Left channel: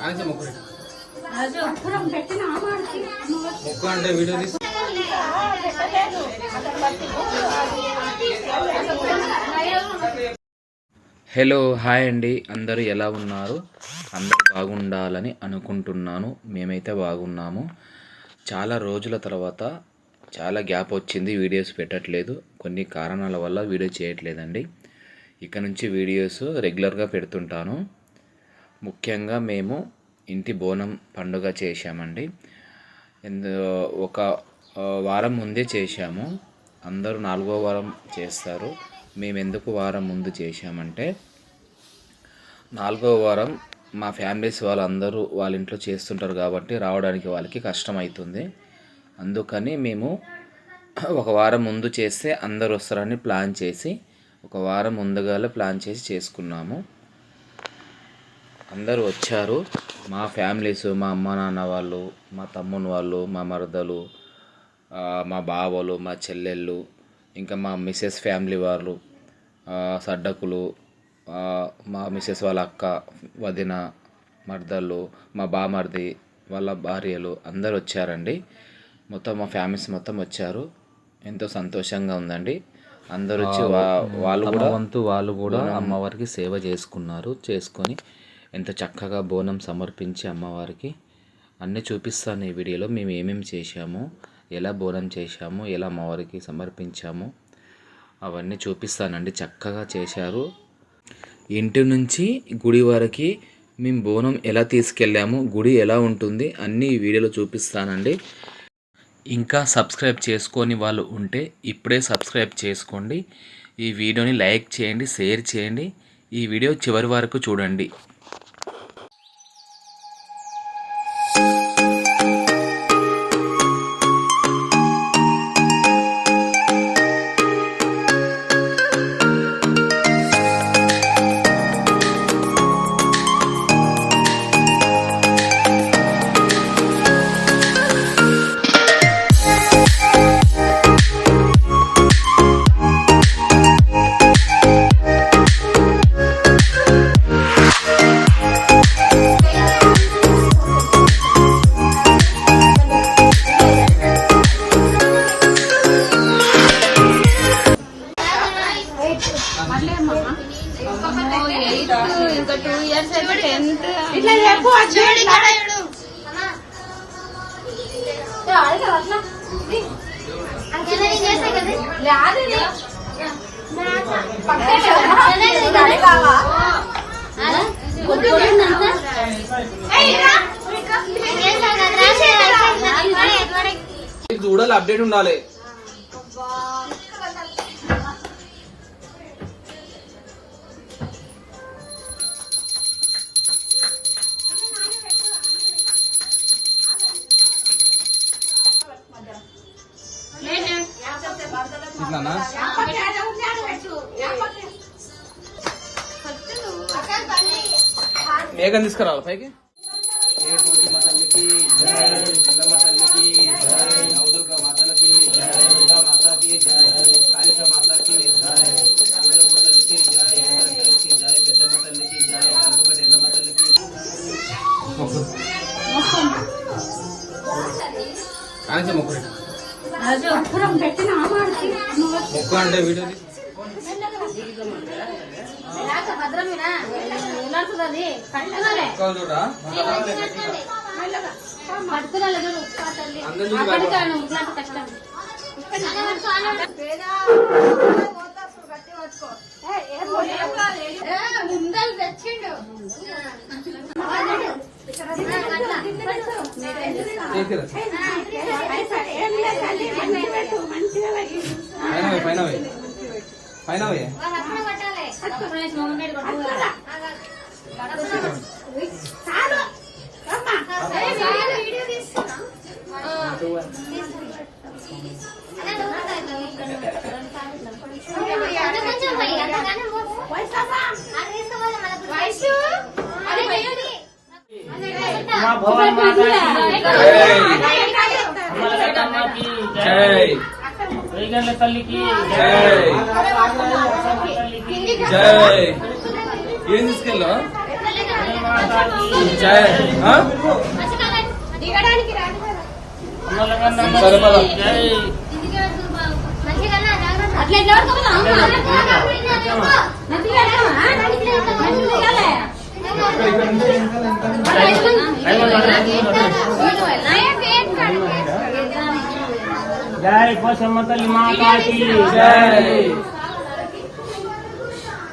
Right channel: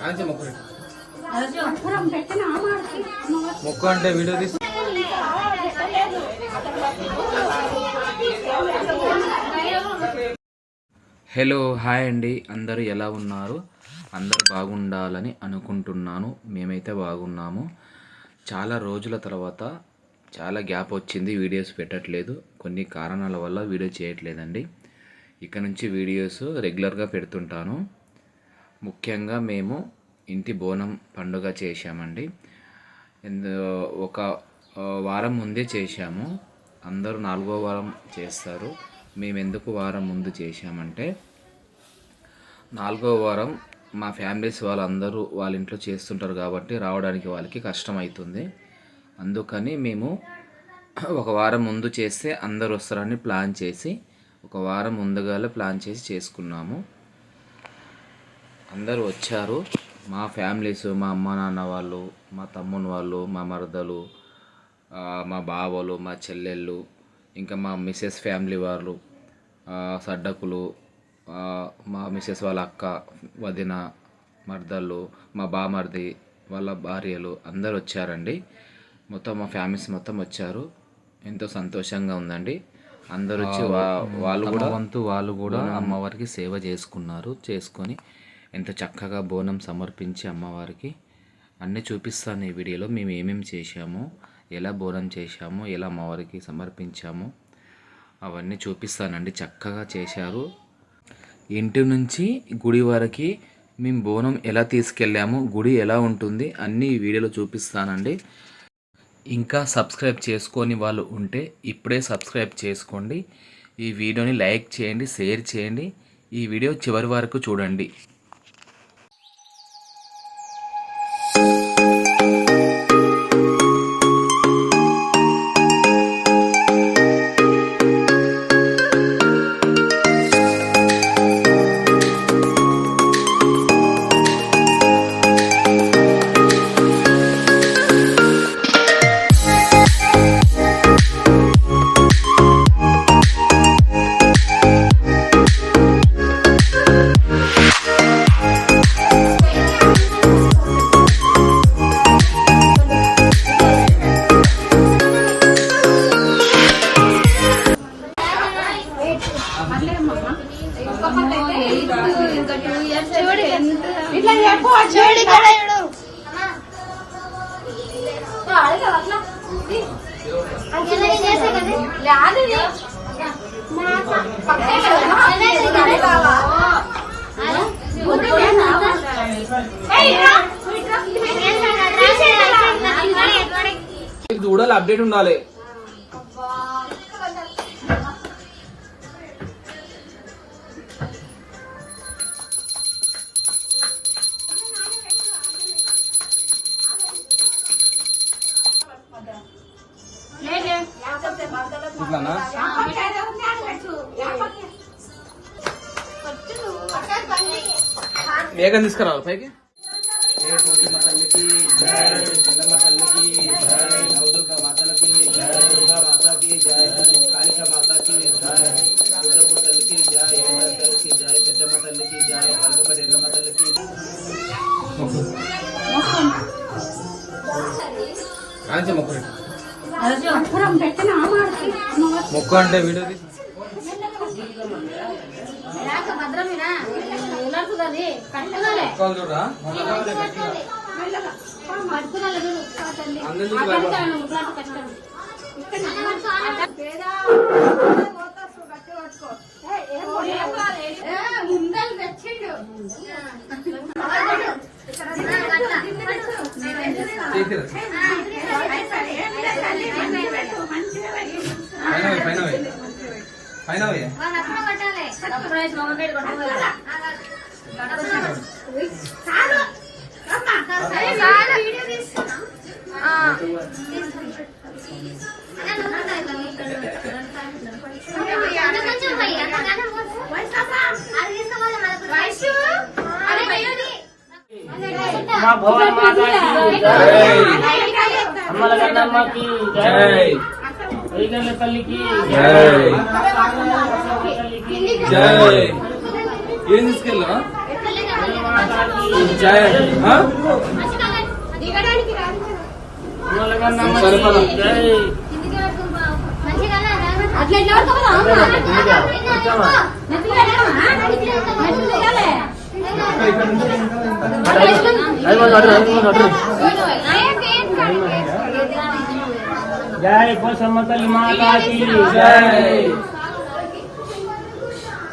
కాంచ మొక్కలు మొక్క అంటే వీడియో తీసి. హలో హాయ్ అండి. అందరూ ఎలా ఉన్నారు? అందరూ బాగుండాలని అనుకుంటున్నాను. మేమైతే బాగున్నాము. చాలా రోజుల తర్వాత చాలా గ్యాప్ వచ్చింది వీడియోస్ పెట్టట్లేదు. కొన్ని కారణాల వల్ల వీడియో చేయట్లేదండి. ఇక నుంచి వీడియోస్ రెగ్యులర్గా పెడుతుంటాను. ముఖ్యంగా మేము ఇంటి బోనం పండుగ చేశామండి. ఎందు ఒక వారం ముందే చేశాము. అందరూ నాలుగో వారం చేస్తారు. మేము ఎందుకు వారం ముందు చేశామంటే నాలుగో వారం మా ఫ్యామిలీస్ వాళ్ళందరూ వాళ్ళ ఇంట్లో చేస్తుంటారు కాబట్టి రావడానికి వాళ్ళకి కష్టమవుతుంది అందుకని మేము ఒక వారం ముందు చేస్తే అందరు వస్తారని ప్లాన్ చేసి ఒక వారం ముందుగానే ప్లాన్ చేసి చేసుకున్నాము. అందరూ వచ్చారు. మా ఫ్యామిలీస్ మా అమ్మ నాన్న వాళ్ళు మా తమ్ముని వాళ్ళు మా మరదలు మా బావలు మా చెల్లెళ్ళు ఇంకా మా మిస్సెస్ ఫ్యామిలీ వాళ్ళు సడ్డకులు మా మిస్సెస్ వాళ్ళ అక్క వదిన మర్దళ్ళు మా బామర్ది వాళ్ళ భార్యలు అందరు వచ్చారండి. మొత్తం మా ఫ్యామిలీస్ మొత్తం వచ్చారు. ఎంతో సంతోషంగా ఉందండి. అందరూ వచ్చి వాళ్ళు కూడా వంతు వాళ్ళు కూడా అమ్మవారికి సేవ చేసుకున్నారు చేసుకొని ఎంత చక్కగా బోనం సమర్పించి అమ్మవారికి అన్నీ చూపిస్తాను ఈ వీడియోలో. మేము ఏమేమి చేశాము ఎలా బోనం చేశాము ఎలా అమ్మవారికి సమర్పించాము అవన్నీ చూపిస్తానండి. చక్కగా చేశారు. ఇంటి నుంచి గుడి వరకు మేము బోనం ఎలా తీసుకెళ్ళాము గుడి ఎలా ఉంటుంది అన్నీ ఈ వీడియోలో చూపిస్తానండి. ఇంకా సబ్స్క్రైబ్ చేసుకొని వాళ్ళు ఉంటే ఇప్పుడే సబ్స్క్రైబ్ చేసుకోండి. ఈ వీడియోని లైక్ చేయండి షేర్ చేయండి. ఈ వీడియో చివరి వరకు చూడండి. చూడాలి అప్డేట్ ఉండాలి. అప్పురం పెట్టిన ఆమాడికి మొక్క అంటే వీడియో అందరినీ ముందలు తెచ్చిండు లేదు, మంచిగా పైన పోయే చాలు అమ్మా మా భవాని మాతాకి అమ్మల గడ్డమ్మకి జై వేగండ్ల తల్లికి జై. తల్లికి జై ఏం తీసుకెళ్ళా జై ఆ? దిగడానికి రాదు అమ్మల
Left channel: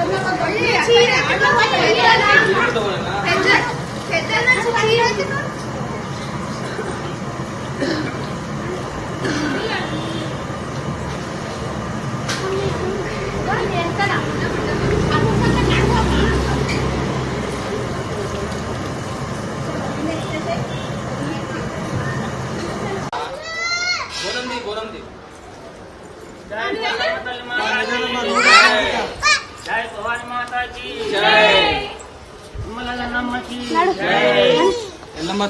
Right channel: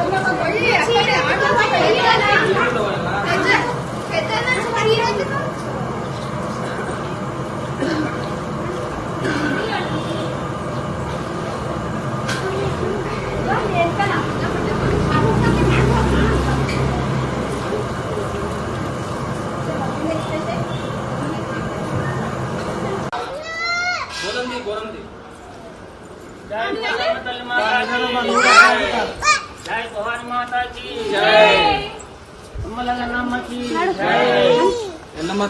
Sí, sí, sí, sí, sí, sí, sí, sí, sí, Yellamma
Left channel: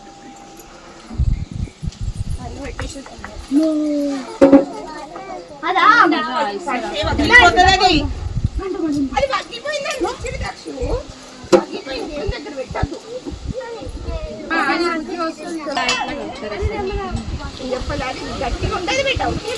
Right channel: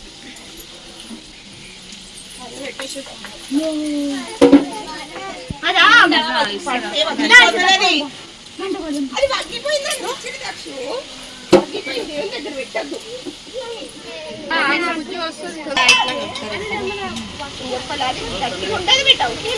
తీయాలా ఏమన్నా ఇవ్వాలా ఏమన్నా మెత్త ఉంటుంది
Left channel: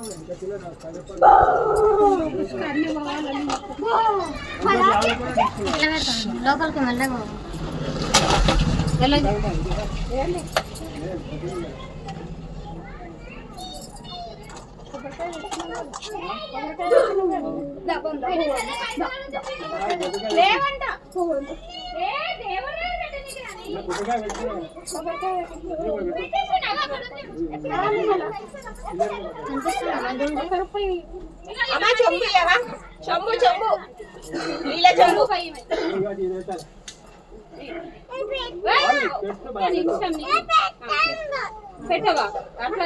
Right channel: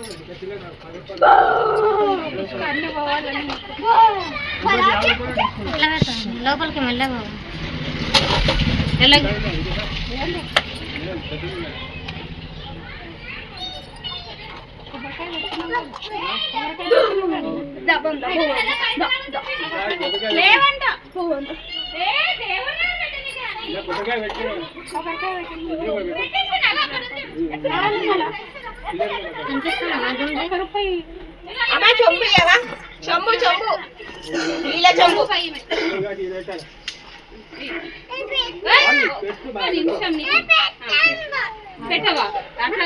లోపలికి నీకంటే హైట్ అవుతాడు కొబ్బరికాయ కొట్టాలి అమ్మా చెంబు ఇవ్వవా చెంబు చెంబు. నీళ్ళ చెంబు. పెట్టవా? అట్లా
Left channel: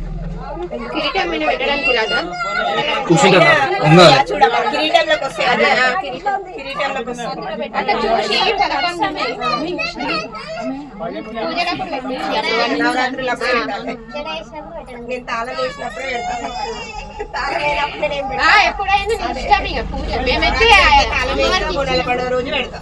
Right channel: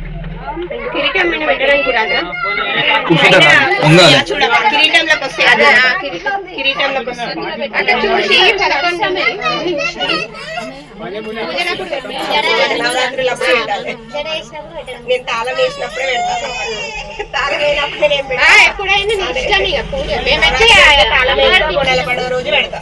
కిరీటం మీద పెట్టడానికి రాదా. చూడమ్మా. కిరీటంలోకి వస్తాయి అదే కిరీటంలోకి వస్తాయి అట్లా చూసి నేను తాళం వేసినప్పుడే పెడతాను. తాళం వేసినప్పుడు నేను పెడతా ఎప్పుడైనా నీ ఇష్టం ఇక పూజ. మేమైతే తాళం వేసినప్పుడు నిలబడే రోజు పెడతా.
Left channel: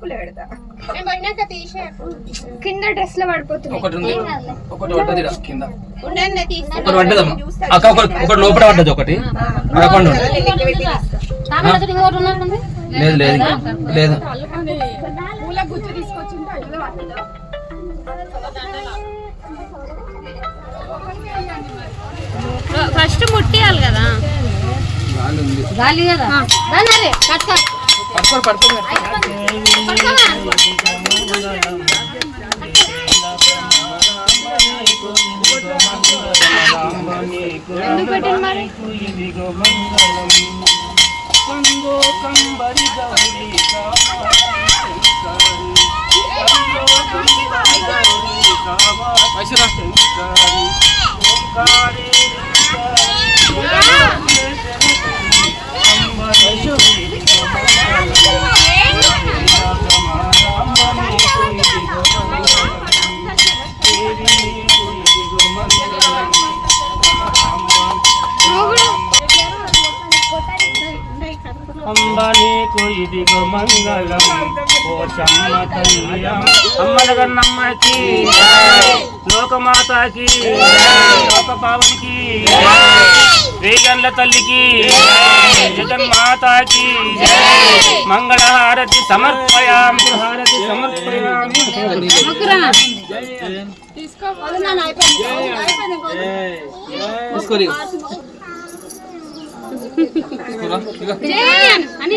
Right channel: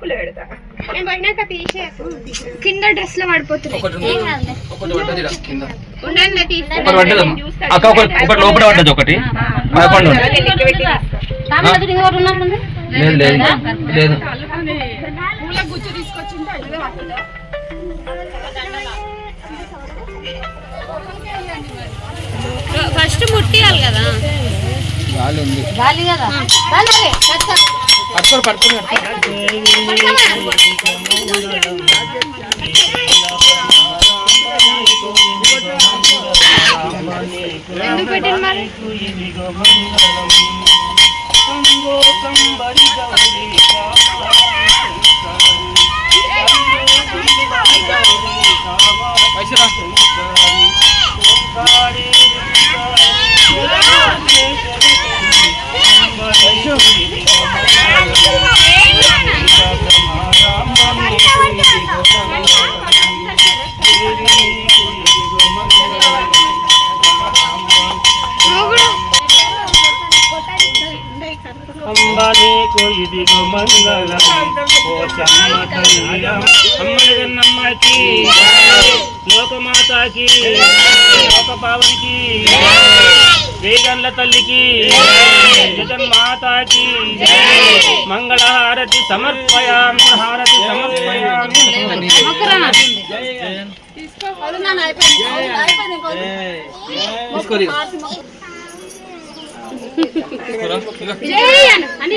కుల పెడతా. కింద డ్రెస్లో పడిపోతుంది ఒకటి లోపల పడ్డది? ఒకటి. లేదు లేదు. లేదు. గాలి కదా దాని పట్టుకో పట్టుకొని పట్టుకొని ఎందుకు పెట్టింది మరి పైసరా అంబనీకు ఇదిగో మంగళం ఓ చమ్మ తల్లి అమ్మలగన్నమ్మకి లోకమాతకి లోక పావునికి వేగండ్ల తల్లికి జగన్మాతాకి మంగళహారతి సమర్పయామి హారతి సమర్పయామి తీసుకోరి అని